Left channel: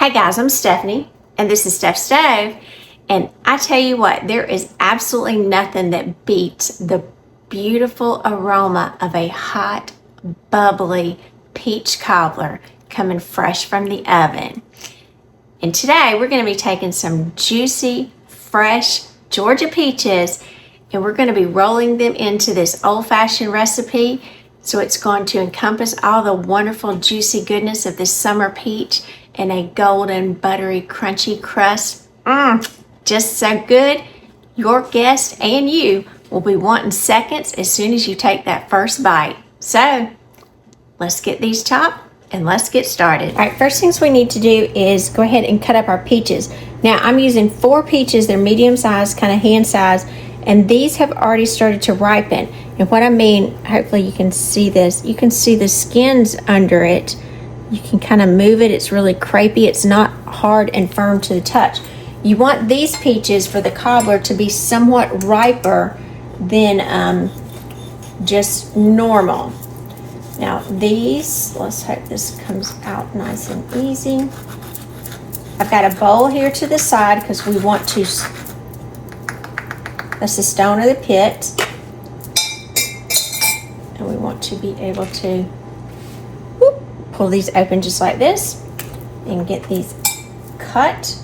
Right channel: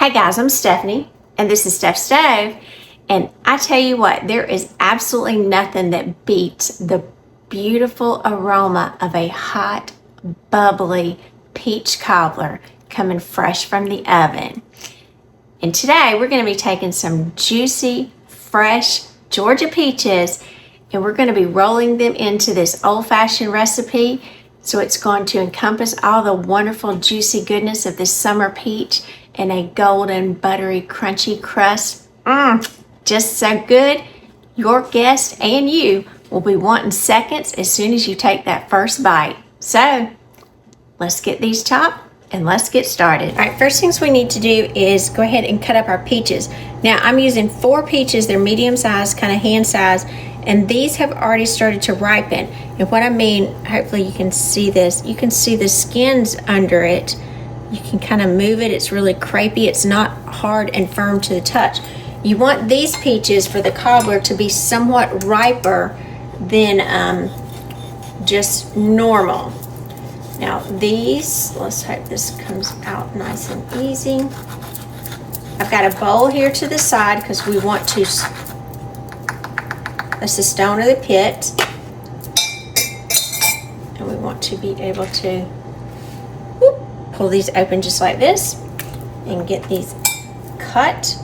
Hey guys, I'm Stephanie, and this is Steph's Stove. And I tell you what, there is absolutely nothing that beats the beautiful aroma of a hot, bubbly peach cobbler coming fresh from the oven. And today we're going to be taking some juicy, fresh Georgia peaches, and we're going to be rolling them into this old-fashioned recipe. So it's going to encompass all the wonderful, juicy goodness of this summer peach and a golden, buttery, crunchy crust. Just so good, your guest and you will be wanting seconds as soon as you take that first bite. So let's get these chopped and let's get started. All right, first things we need to do is go ahead and cut up our peaches. Now I'm using 4 peaches. They're medium size, kind of hand size, and these have already started to ripen. And what I mean, hopefully you can see this, you can see the skins under it. You can kind of move it. It's really crepey. It's not hard and firm to the touch. You want these peaches for the cobbler to be somewhat riper than just normal. Now these, let's hope this comes out nice and easy. I've got a bowl here to the side because we want to, that's the stone of the pit. And we want to be able to pull these open just like this and get these cut.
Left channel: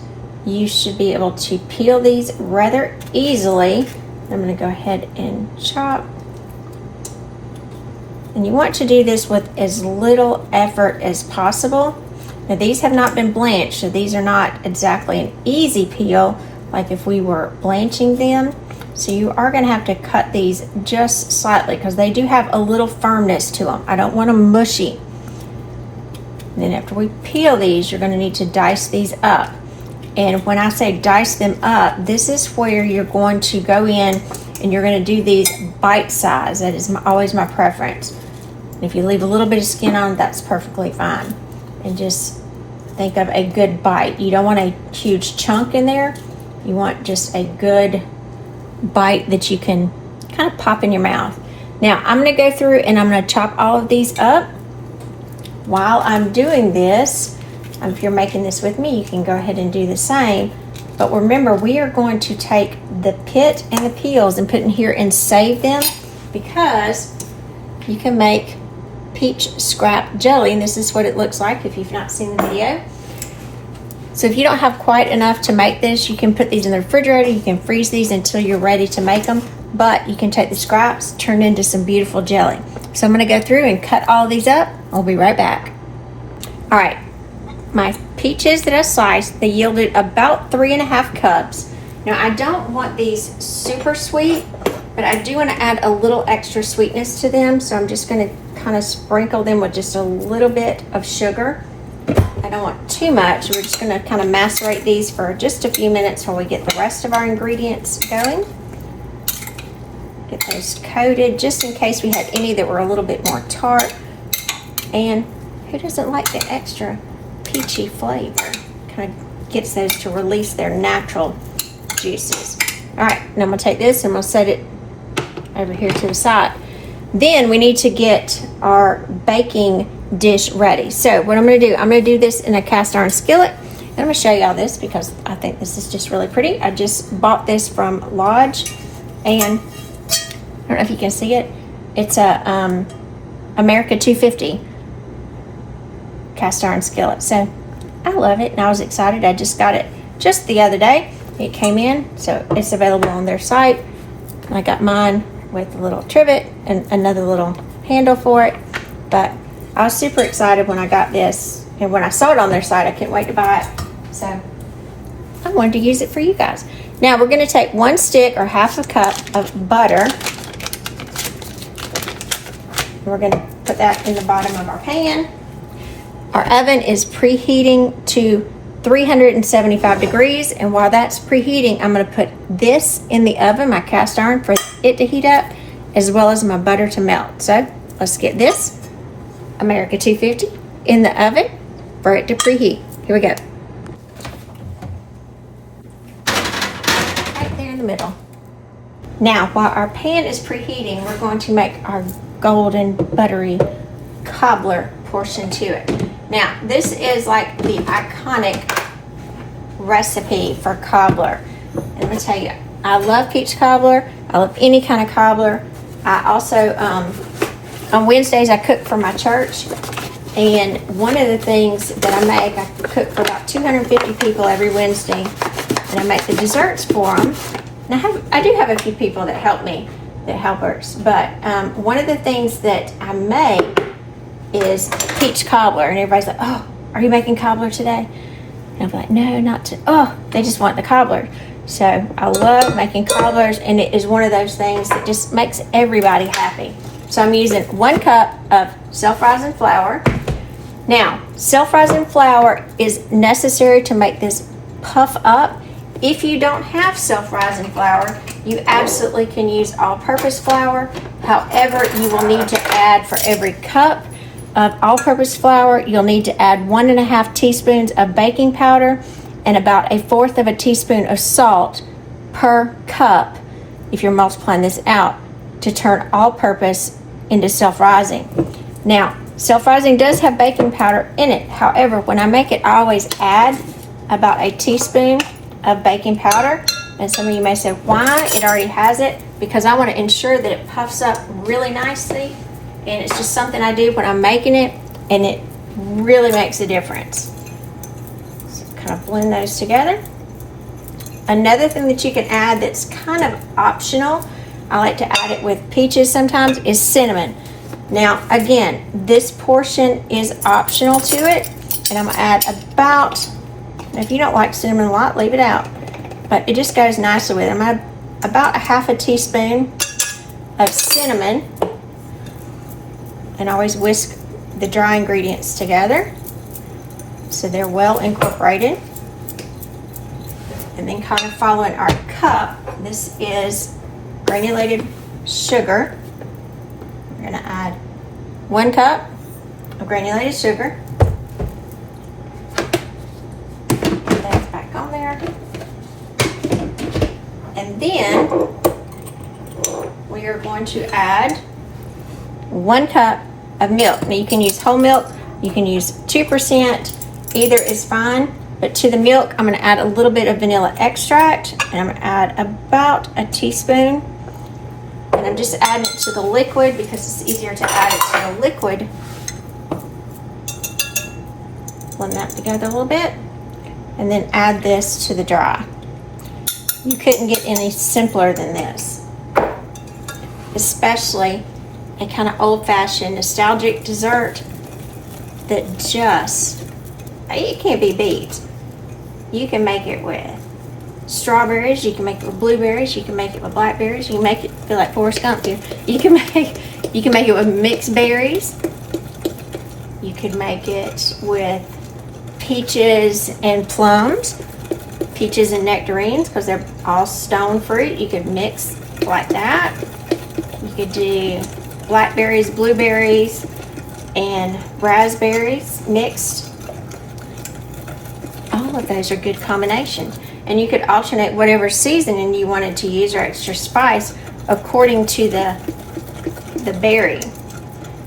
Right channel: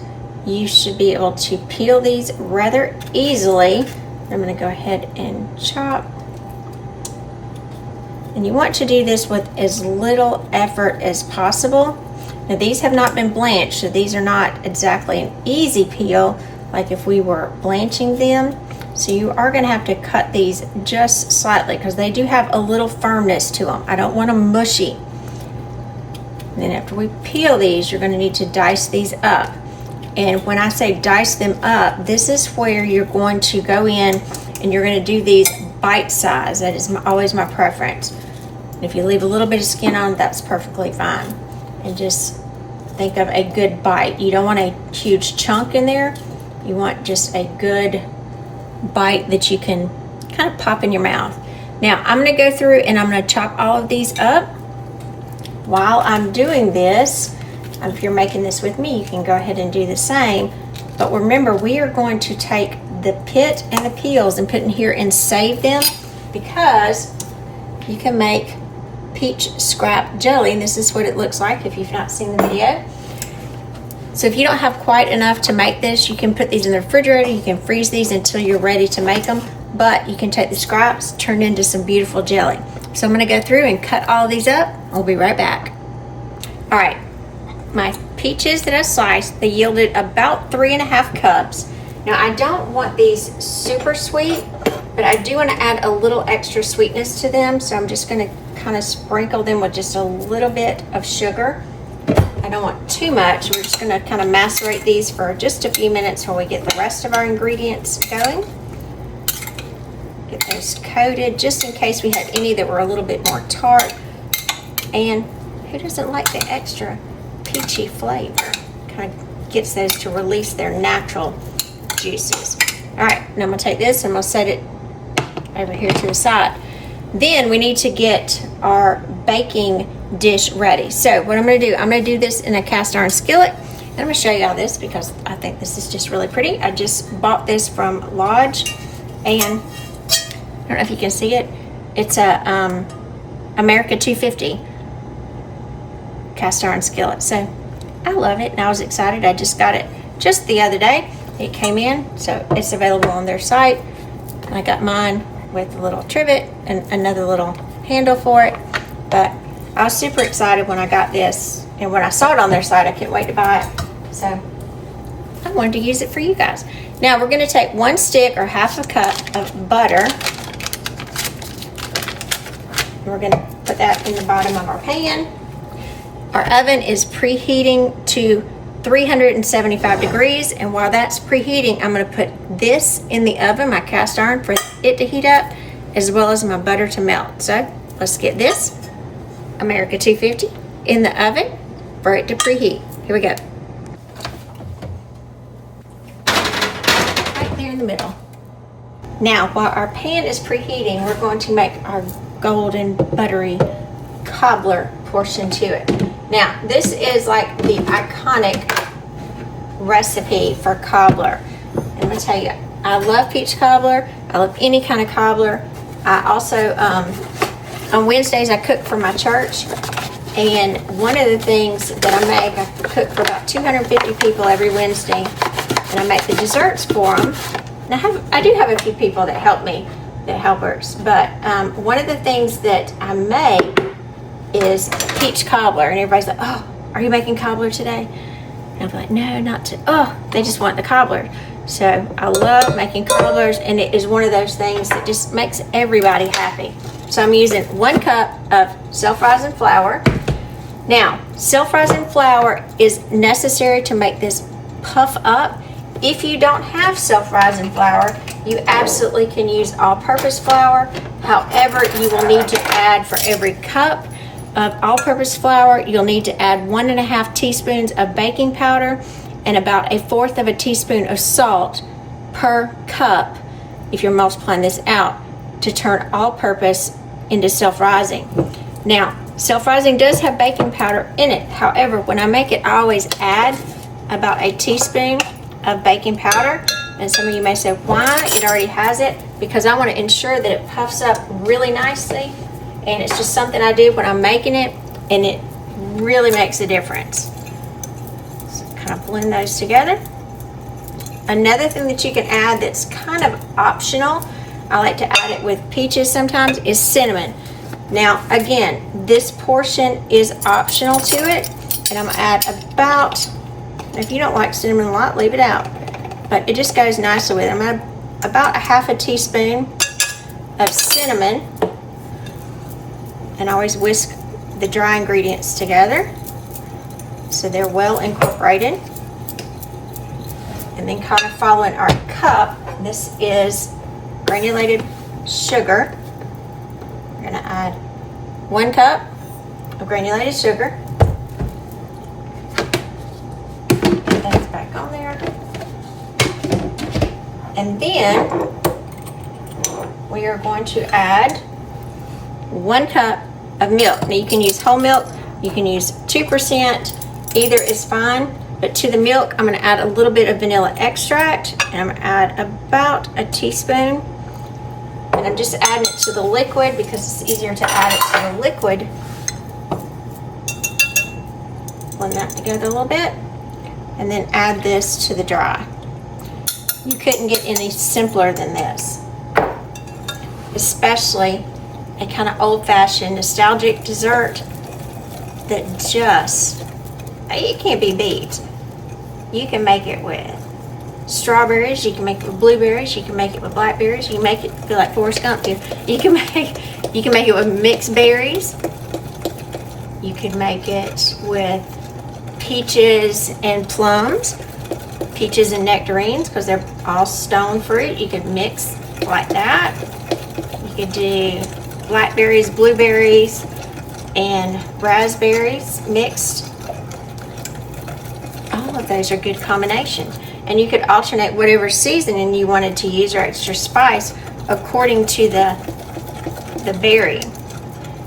You should be able to peel these rather easily. I'm going to go ahead and chop. And you want to do this with as little effort as possible. Now these have not been blanched, so these are not exactly an easy peel like if we were blanching them. So you are going to have to cut these just slightly because they do have a little firmness to them. I don't want them mushy. And then after we peel these, you're going to need to dice these up. And when I say dice them up, this is where you're going to go in and you're going to do these bite size. That is always my preference. And if you leave a little bit of skin on, that's perfectly fine. And just think of a good bite. You don't want a huge chunk in there. You want just a good bite that you can kind of pop in your mouth. Now I'm going to go through and I'm going to chop all of these up. While I'm doing this, if you're making this with me, you can go ahead and do the same. But remember, we are going to take the pit and the peels and put in here and save them because you can make peach scrap jelly. And this is what it looks like if you've not seen the video. So if you don't have quite enough to make this, you can put these in the refrigerator. You can freeze these until you're ready to make them. But you can take the scraps, turn into some beautiful jelly. So I'm going to go through and cut all these up. I'll be right back. All right, my peaches that I sliced, they yielded about 3.5 cups. Now I don't want these super sweet, but I do want to add a little extra sweetness to them. So I'm just going to kind of sprinkle them with just a little bit of sugar. I don't want too much. We're just going to kind of macerate these for just a few minutes while we get the rest of our ingredients going. Get those coated just in case we had any that were a little bit more tart. And who doesn't like the extra peachy flavor? Kind of gets those to release their natural juices. All right, now I'm gonna take this and we'll set it over here to the side. Then we need to get our baking dish ready. So what I'm gonna do, I'm gonna do this in a cast iron skillet. And I'm gonna show you all this because I think this is just really pretty. I just bought this from Lodge, and I don't know if you can see it. It's a America 250 cast iron skillet. So I love it and I was excited. I just got it just the other day. It came in, so it's available on their site. And I got mine with a little trivet and another little handle for it. But I was super excited when I got this, and when I saw it on their site, I can't wait to buy it. So I wanted to use it for you guys. Now we're going to take 1 stick or half a cup of butter. We're going to put that in the bottom of our pan. Our oven is preheating to 375 degrees, and while that's preheating, I'm going to put this in the oven, my cast iron, for it to heat up, as well as my butter to melt. So let's get this America 250 in the oven for it to preheat. Here we go. Right there in the middle. Now, while our pan is preheating, we're going to make our golden buttery cobbler portion to it. Now, this is like the iconic recipe for cobbler. And let me tell you, I love peach cobbler. I love any kind of cobbler. I also, on Wednesdays, I cook for my church. And one of the things that I make, I cook for about 250 people every Wednesday. And I make the desserts for them. And I do have a few people that help me, that helpers. But one of the things that I make is peach cobbler. And everybody's like, oh, are you making cobbler today? And I'm like, no, not today. Oh, they just want the cobbler. So I love making cobblers, and it is one of those things that just makes everybody happy. So I'm using 1 cup of self-rising flour. Now, self-rising flour is necessary to make this puff up. If you don't have self-rising flour, you absolutely can use all-purpose flour. However, you will need to add, for every cup of all-purpose flour, you'll need to add 1.5 teaspoons of baking powder and about 1/4 teaspoon of salt per cup, if you're multiplying this out, to turn all-purpose into self-rising. Now, self-rising does have baking powder in it. However, when I make it, I always add about 1 teaspoon of baking powder. And some of you may say, why? It already has it. Because I want to ensure that it puffs up really nicely. And it's just something I do when I'm making it, and it really makes a difference. So kind of blend those together. Another thing that you can add that's kind of optional, I like to add it with peaches sometimes, is cinnamon. Now, again, this portion is optional to it, and I'm gonna add about, if you don't like cinnamon a lot, leave it out. But it just goes nicely with it. I'm gonna add about 1/2 teaspoon of cinnamon, and I always whisk the dry ingredients together so they're well incorporated. And then kind of following our cup, this is granulated sugar. We're gonna add 1 cup of granulated sugar. Put that back on there. And then we are going to add 1 cup of milk. Now you can use whole milk, you can use 2%, either is fine. But to the milk, I'm gonna add a little bit of vanilla extract, and I'm gonna add about 1 teaspoon. And I'm just adding it to the liquid because it's easier to add it to the liquid. Blend that together a little bit, and then add this to the dry. You couldn't get any simpler than this. Especially a kind of old-fashioned nostalgic dessert that just, it can't be beat. You can make it with strawberries, you can make it with blueberries, you can make it with blackberries, you can make it feel like Forrest Gump. You can make it with mixed berries. You could make it with peaches and plums, peaches and nectarines, because they're all stone fruit. You could mix like that. You could do blackberries, blueberries, and raspberries mixed. All of those are good combinations. And you could alternate whatever seasoning you wanted to use or extra spice according to the berry.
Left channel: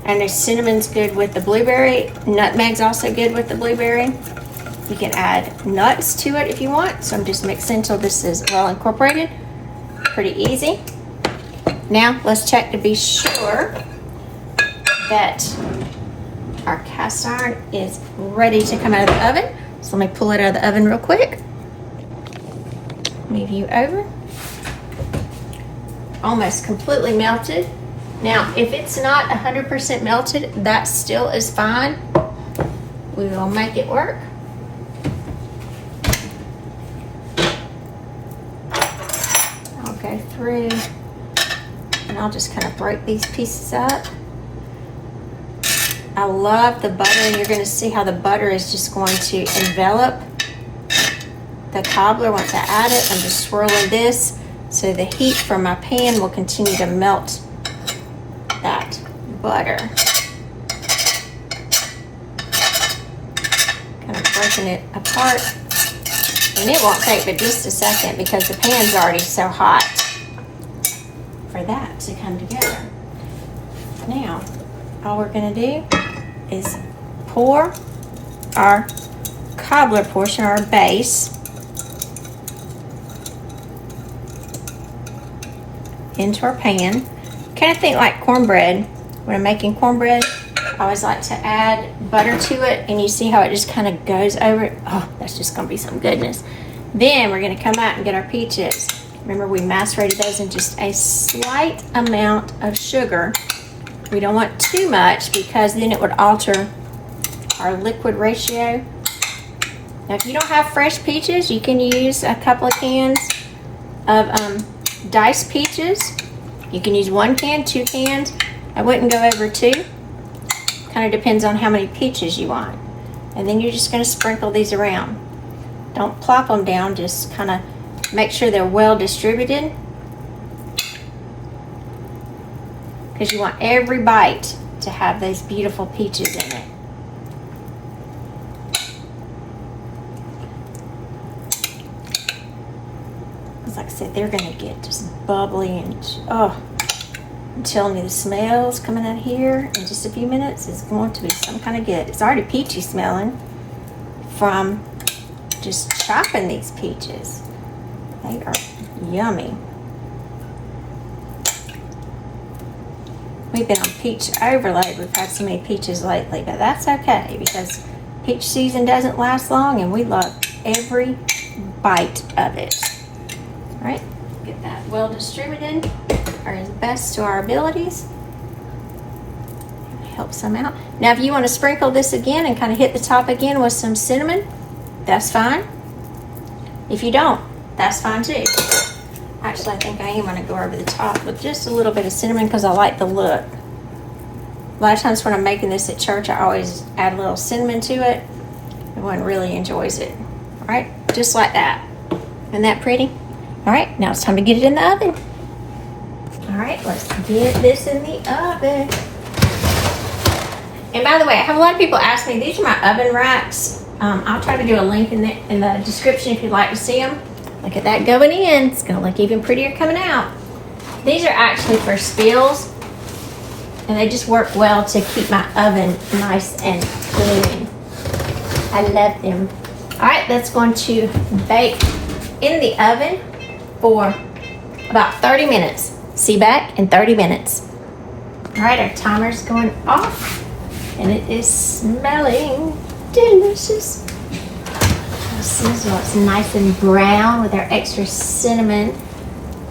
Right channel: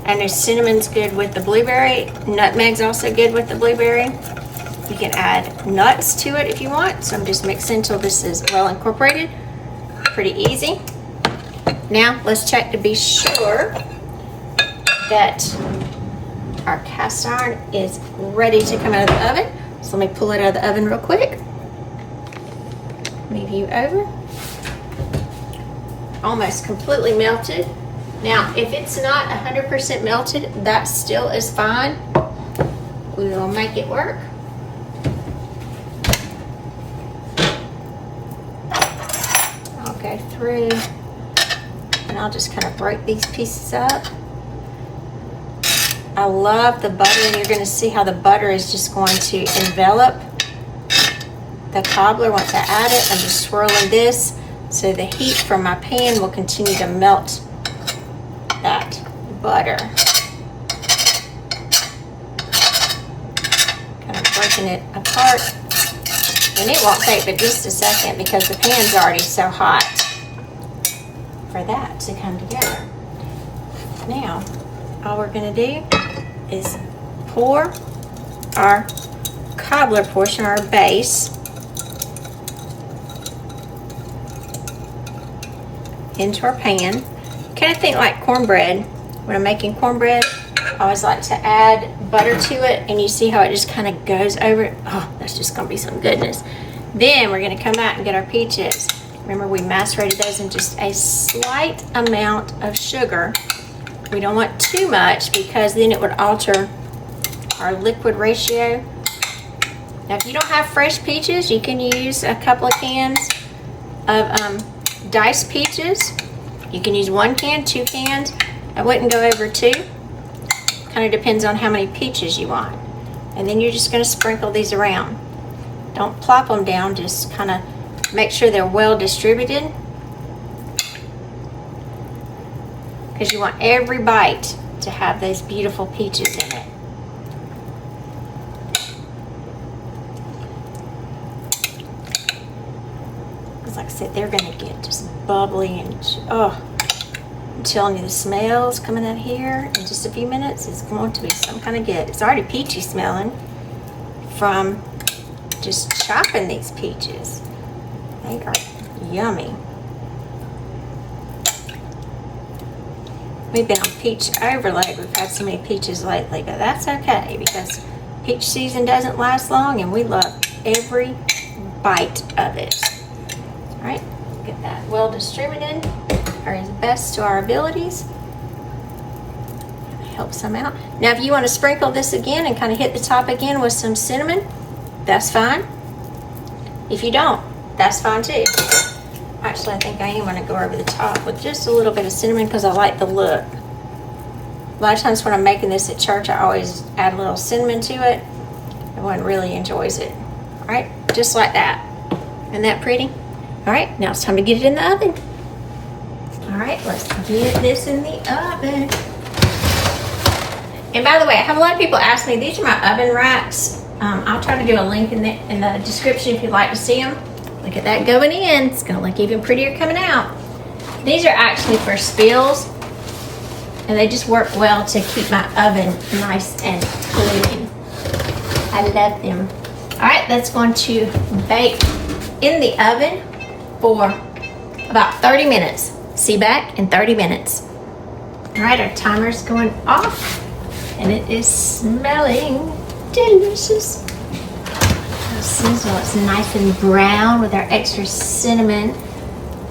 And the cinnamon's good with the blueberry. Nutmeg's also good with the blueberry. You can add nuts to it if you want. So I'm just mixing until this is well incorporated. Pretty easy. Now let's check to be sure that our cast iron is ready to come out of the oven. So let me pull it out of the oven real quick. Move you over. Almost completely melted. Now, if it's not 100% melted, that still is fine. We will make it work. I'll go through and I'll just kind of break these pieces up. I love the butter, and you're going to see how the butter is just going to envelop the cobbler. Once I add it, I'm just swirling this so the heat from my pan will continue to melt that butter. Kind of breaking it apart, and it won't take but just a second because the pan's already so hot for that to come together. Now all we're going to do is pour our cobbler portion, our base, into our pan. Kind of think like cornbread. When I'm making cornbread, I always like to add butter to it, and you see how it just kind of goes over it. Oh, that's just gonna be some goodness. Then we're gonna come out and get our peaches. Remember, we macerated those in just a slight amount of sugar. We don't want too much because then it would alter our liquid ratio. Now, if you don't have fresh peaches, you can use a couple of cans of diced peaches. You can use 1 can, 2 cans. I wouldn't go over 2. Kind of depends on how many peaches you want. And then you're just going to sprinkle these around. Don't plop them down, just kind of make sure they're well distributed, because you want every bite to have those beautiful peaches in it. Because like I said, they're going to get just bubbly and, oh, I'm telling you, the smells coming out here in just a few minutes is going to be some kind of good. It's already peachy smelling from just chopping these peaches. They are yummy. We've been on peach overload. We've had so many peaches lately, but that's okay because peach season doesn't last long and we love every bite of it. All right, get that well distributed or as best to our abilities. Help some out. Now, if you want to sprinkle this again and kind of hit the top again with some cinnamon, that's fine. If you don't, that's fine too. Actually, I think I am going to go over the top with just a little bit of cinnamon because I like the look. A lot of times when I'm making this at church, I always add a little cinnamon to it. Everyone really enjoys it. All right, just like that. Isn't that pretty? All right, now it's time to get it in the oven. All right, let's get this in the oven. And by the way, I have a lot of people ask me, these are my oven racks. I'll try to do a link in the description if you'd like to see them. Look at that going in. It's going to look even prettier coming out. These are actually for spills, and they just work well to keep my oven nice and clean. I love them. All right, that's going to bake in the oven for about 30 minutes. See back in 30 minutes. All right, our timer's going off, and it is smelling delicious. This is what's nice and brown with our extra cinnamon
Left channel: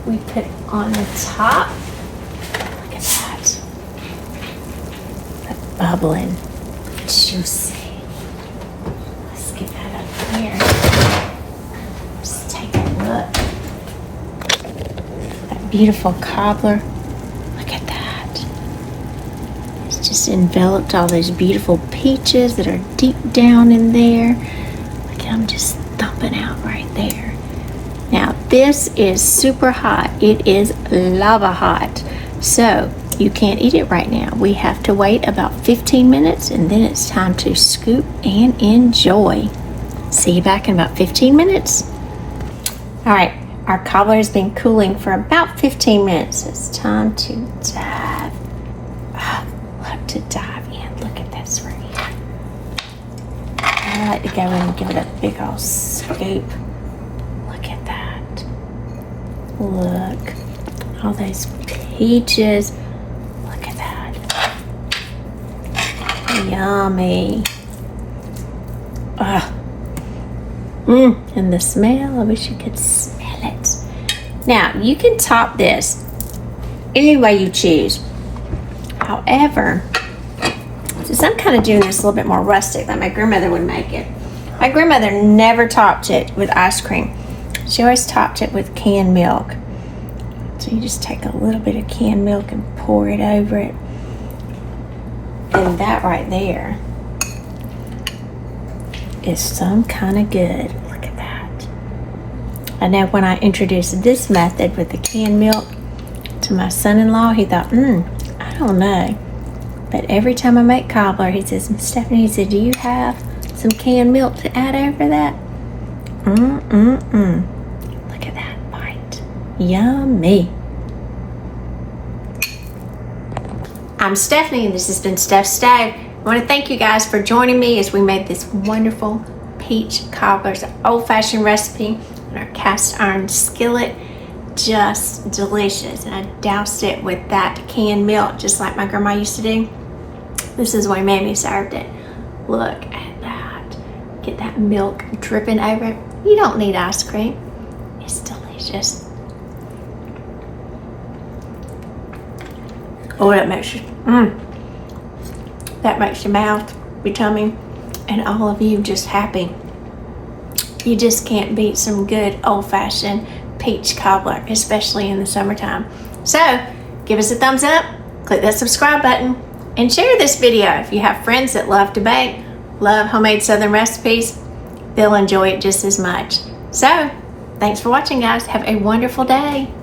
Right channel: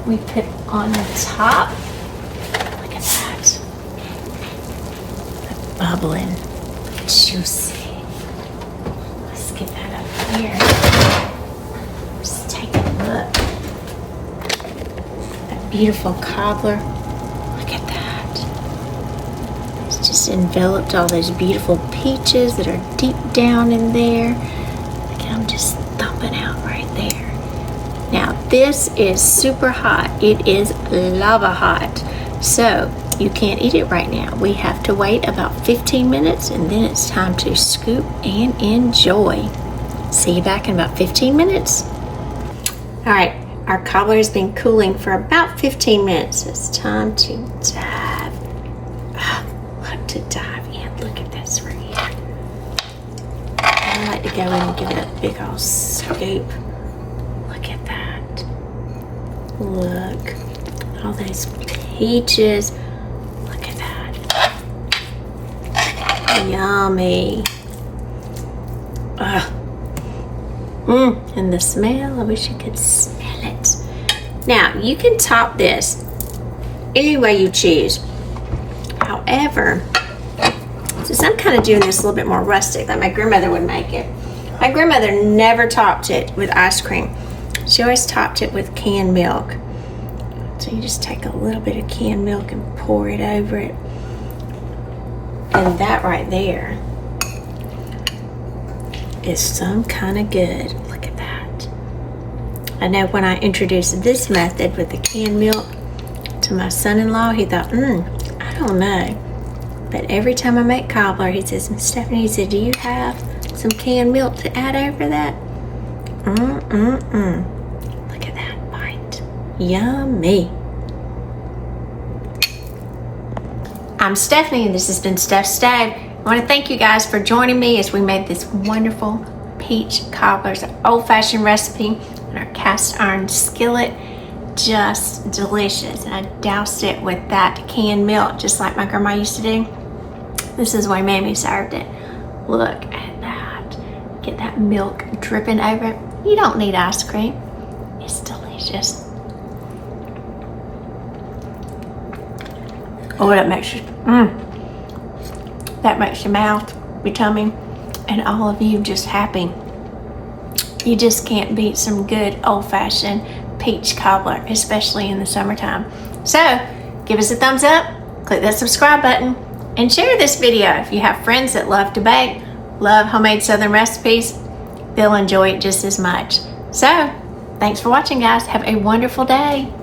we put on the top. Look at that. The bubbling, juicy. Let's get that up here. Just take a look. That beautiful cobbler. Look at that. It's just enveloped all those beautiful peaches that are deep down in there. I'm just thumping out right there. Now this is super hot. It is lava hot. So you can't eat it right now. We have to wait about 15 minutes and then it's time to scoop and enjoy. See you back in about 15 minutes. All right, our cobbler has been cooling for about 15 minutes. It's time to dive. Look, to dive in. Look at this right here. I like to go in and give it a big old scoop. Look at that. Look. All those peaches. Look at that. Yummy. And the smell, I wish you could smell it. Now, you can top this any way you choose. However, since I'm kind of doing this a little bit more rustic, like my grandmother would make it. My grandmother never topped it with ice cream. She always topped it with canned milk. So you just take a little bit of canned milk and pour it over it. And that right there is some kind of good. Look at that. I know when I introduced this method with the canned milk to my son-in-law, he thought, I don't know. But every time I make cobbler, he says, Stephanie, he said, do you have some canned milk to add over that? Look at that bite. Yummy. I'm Stephanie, and this has been Steph's Stove. I want to thank you guys for joining me as we made this wonderful peach cobblers, old-fashioned recipe in our cast iron skillet. Just delicious. And I doused it with that canned milk just like my grandma used to do. This is the way Mammy served it. Look at that. Get that milk dripping over it. You don't need ice cream. It's delicious. Oh, that makes you, that makes your mouth, your tummy, and all of you just happy. You just can't beat some good old-fashioned peach cobbler, especially in the summertime. So, give us a thumbs up, click that subscribe button, and share this video. If you have friends that love to bake, love homemade Southern recipes, they'll enjoy it just as much. So, thanks for watching, guys. Have a wonderful day.